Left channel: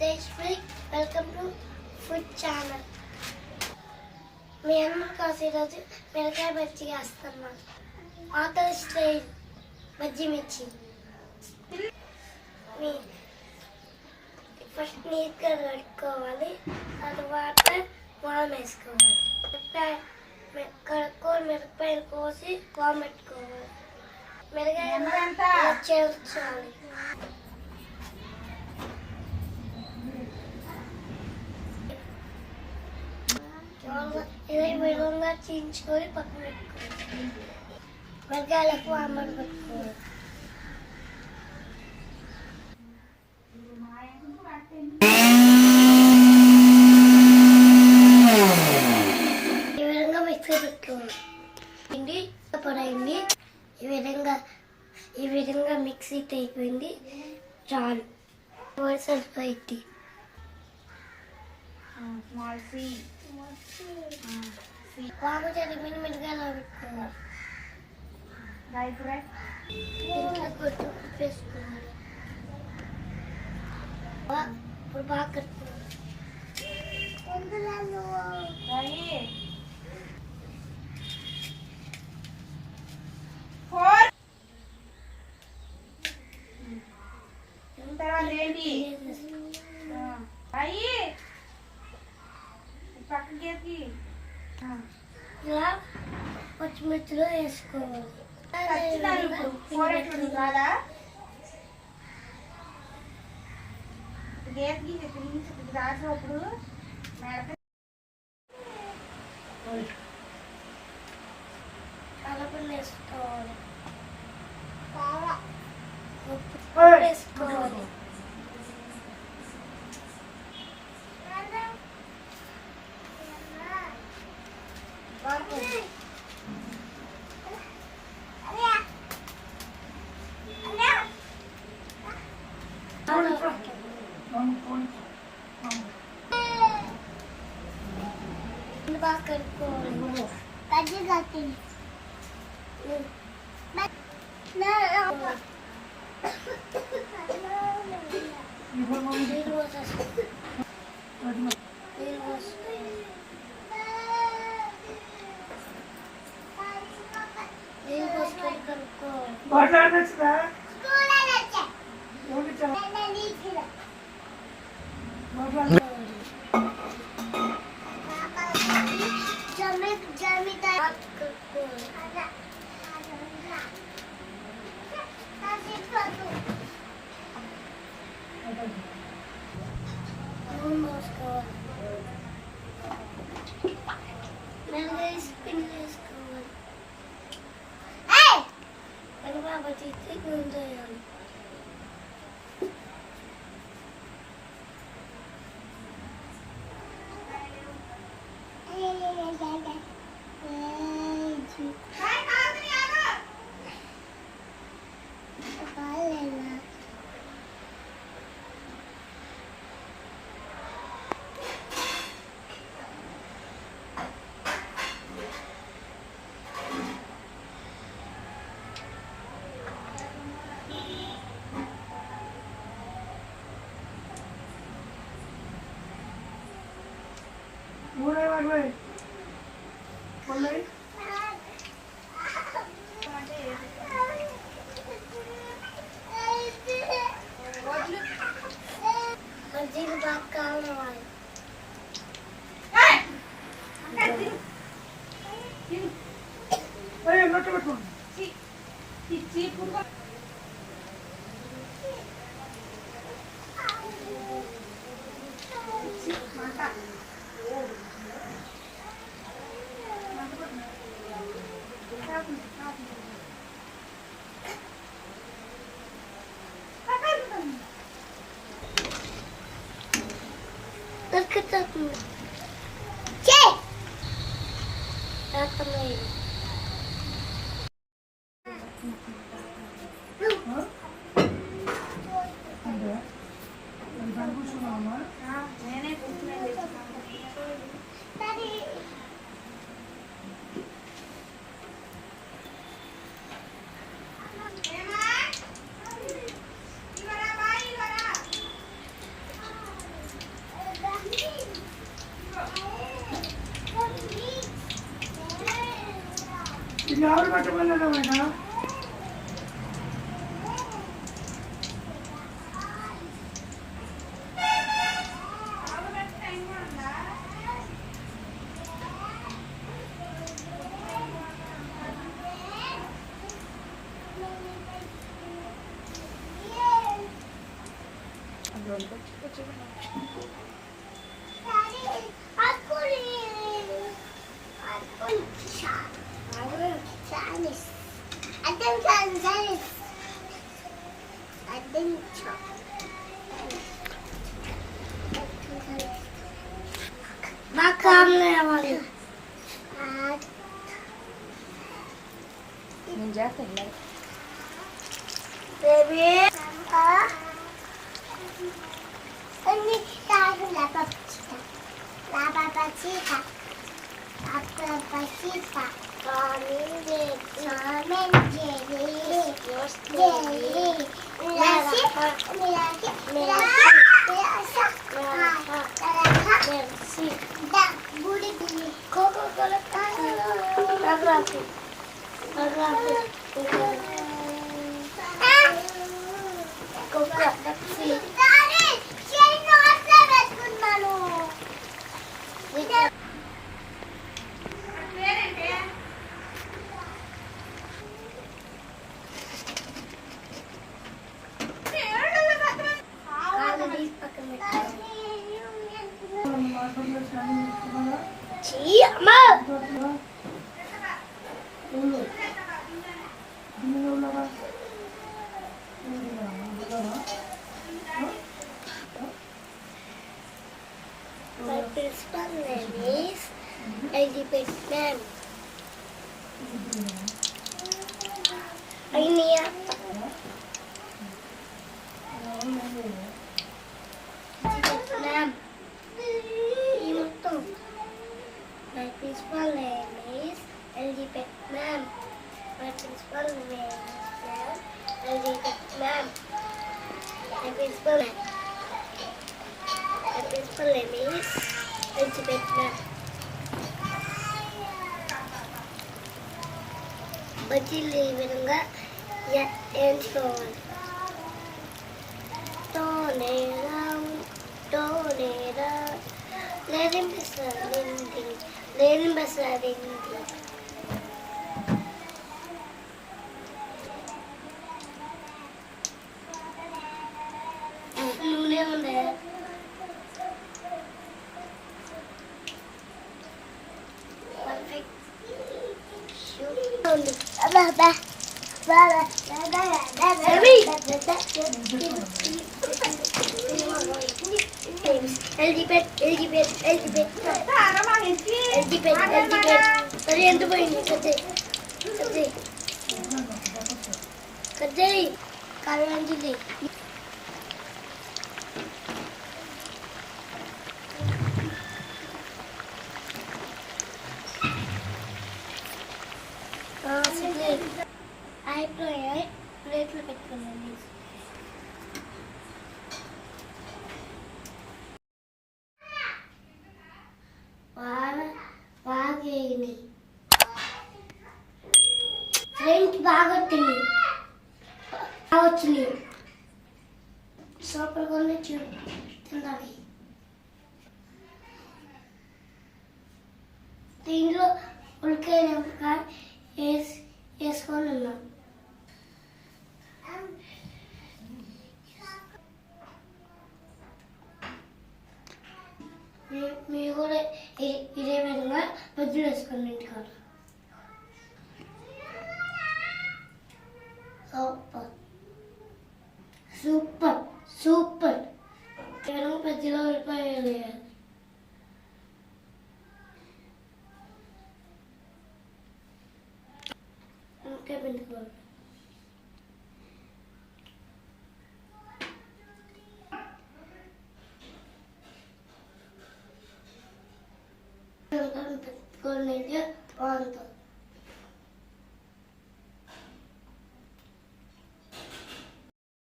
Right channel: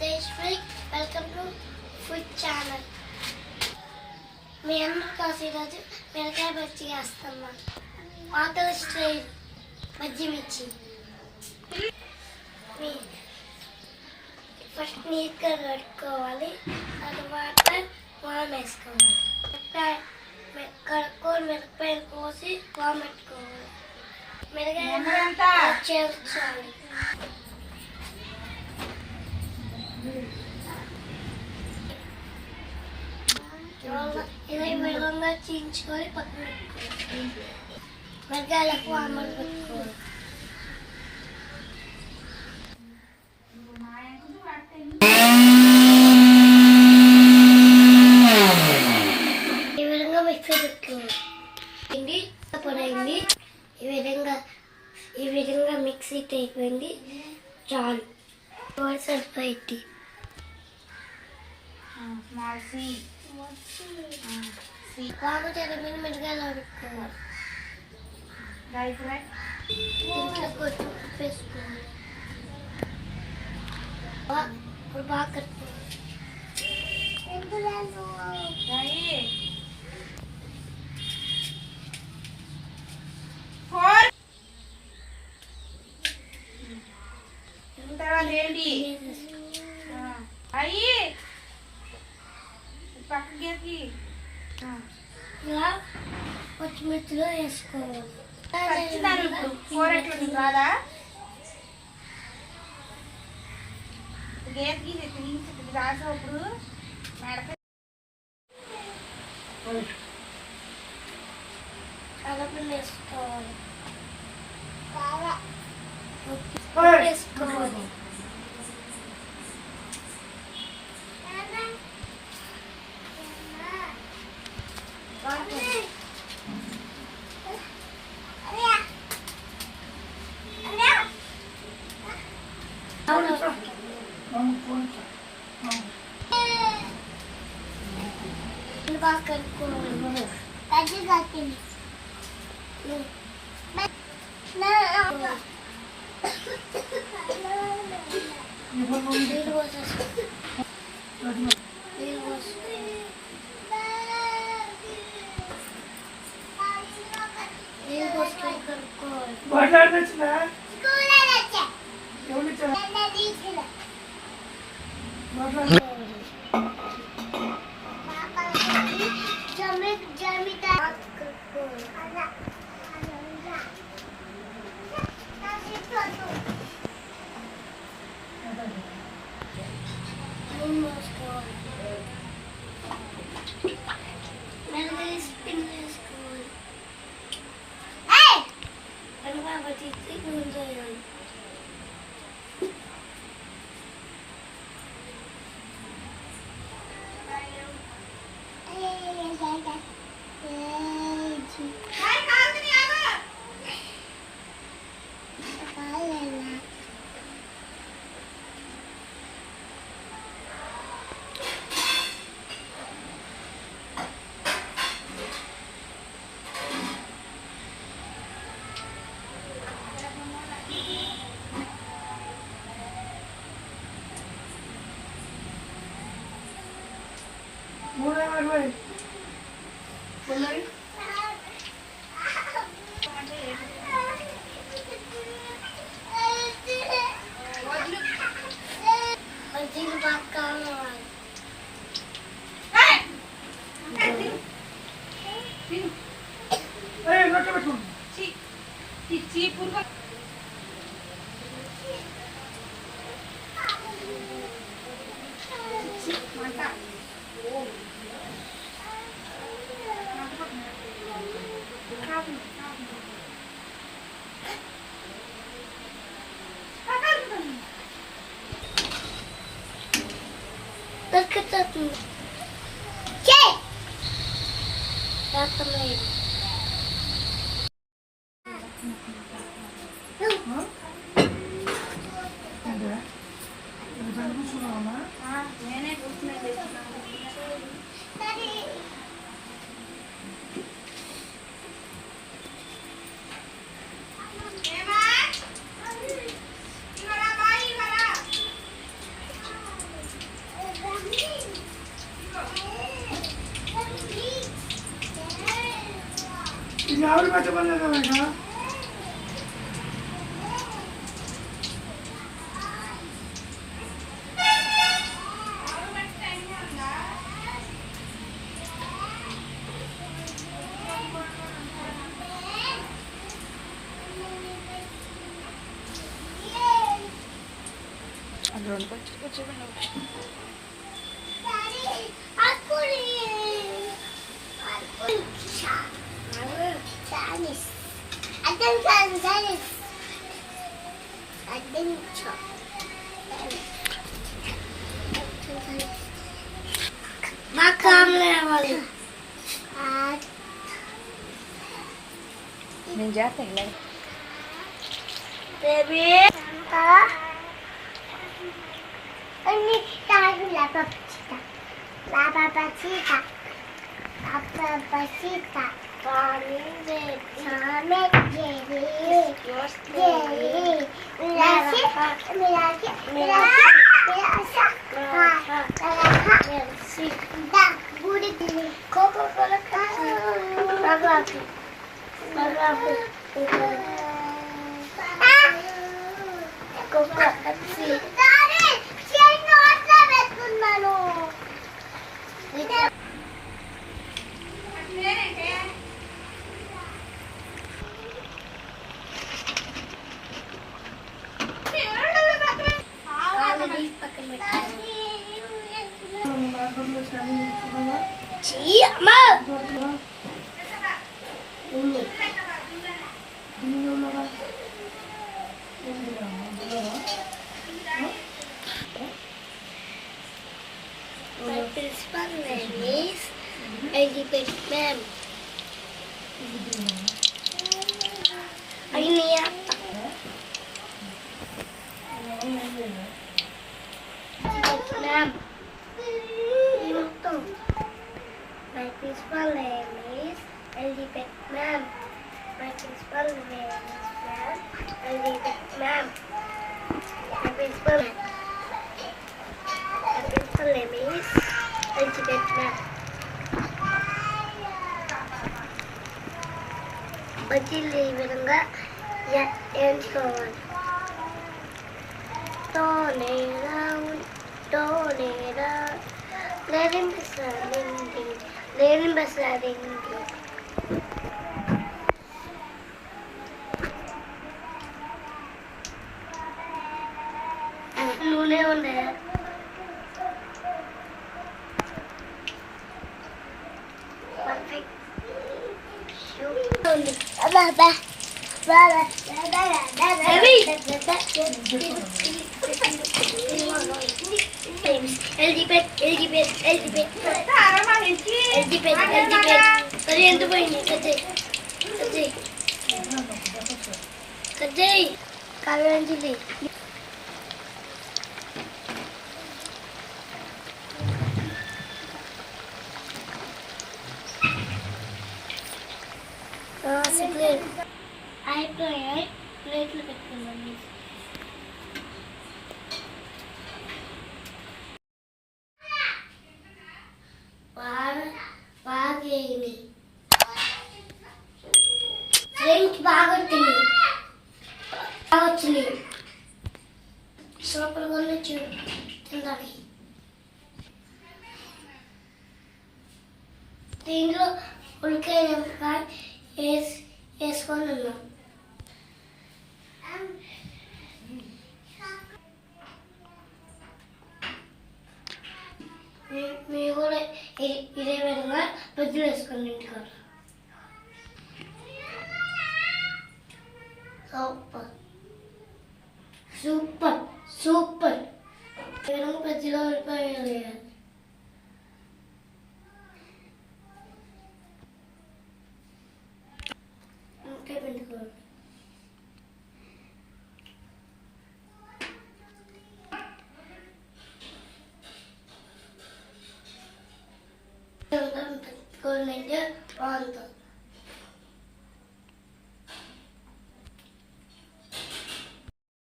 Jayashree. Welcome to Food Channel. మీ అందరి కోసం ఈరోజు మిరపకాయ బజ్జీ చేస్తున్నాం. ఆంధ్ర స్టైల్ బజ్జీ మిర్చి. ఫస్ట్ నీట్గా కడుక్కోవాలి, తర్వాత వామ్ వేసుకోవాలి. కడుక్కొని మిరపకాయలు కోసి వామ్ పెట్టుకోవాలి. మిరపకాయ చేర్చాలి. ఇదే విధంగా చీల్చుకొని పక్కన పెట్టుకోవాలి. మిరపకాయలకు వామని పెట్టుకోవాలి. ఈ విధంగా మిక్సీ పెట్టుకోవాలి. పొడైంది ఈ విధంగా మిక్సీ అయిపోయింది. చాలు సరిపోయింది. బాగా తెరమైన మిరగాయలు పెట్టుకోవాలి. ఇంట్లో కొంచెం వేసుకోవాలి. ఇప్పుడు బాగా కట్టుకోవాలి. ఇలా పచ్చిమిర్చిలో వేసుకోవాలి. కలపలు వేసుకోవాలి. వేసుకోవాలి. బాగా కలుపుకోవాలి. బజ్జీలు బాగా కావాలి. ఎవరు పెట్టమన్నారు మేడం? నేను చేస్తాను Baby, ini tahu lapa cita, apa cita, kami jadi, My principal name is Elizabeth Ma'am. Ini apa? Ma'am. Ini tuh. My principal name is Elizabeth Ma'am. My principal name is Elizabeth Ma'am. My principal name is Elizabeth Ma'am. బజ్జీలు ఈ విధంగా వేయించుకోవాలి. లేని బసాది నూనె ఉండే perfect మరి ఎంత పోయింది కజ్జాయి కావ్యాంజలి ప్లేట్లు పెట్టుకున్నాను. బాగేమి ఫ్రెంచ్ బాగా వచ్చింది సూపర్ గా తిందాలి. దీంట్లో ఉల్లికాయ వేసుకొని ఉన్నాం. మీరు కూడా ఇదే విధంగా బజ్జీలు వేసుకోండి ఇంటికాడ. సూపర్ సూపర్ సూపర్ విధంగా బజ్జీలో వెళ్ళిపోయాలి. ఇంకా పెట్టుకోవాలి. Con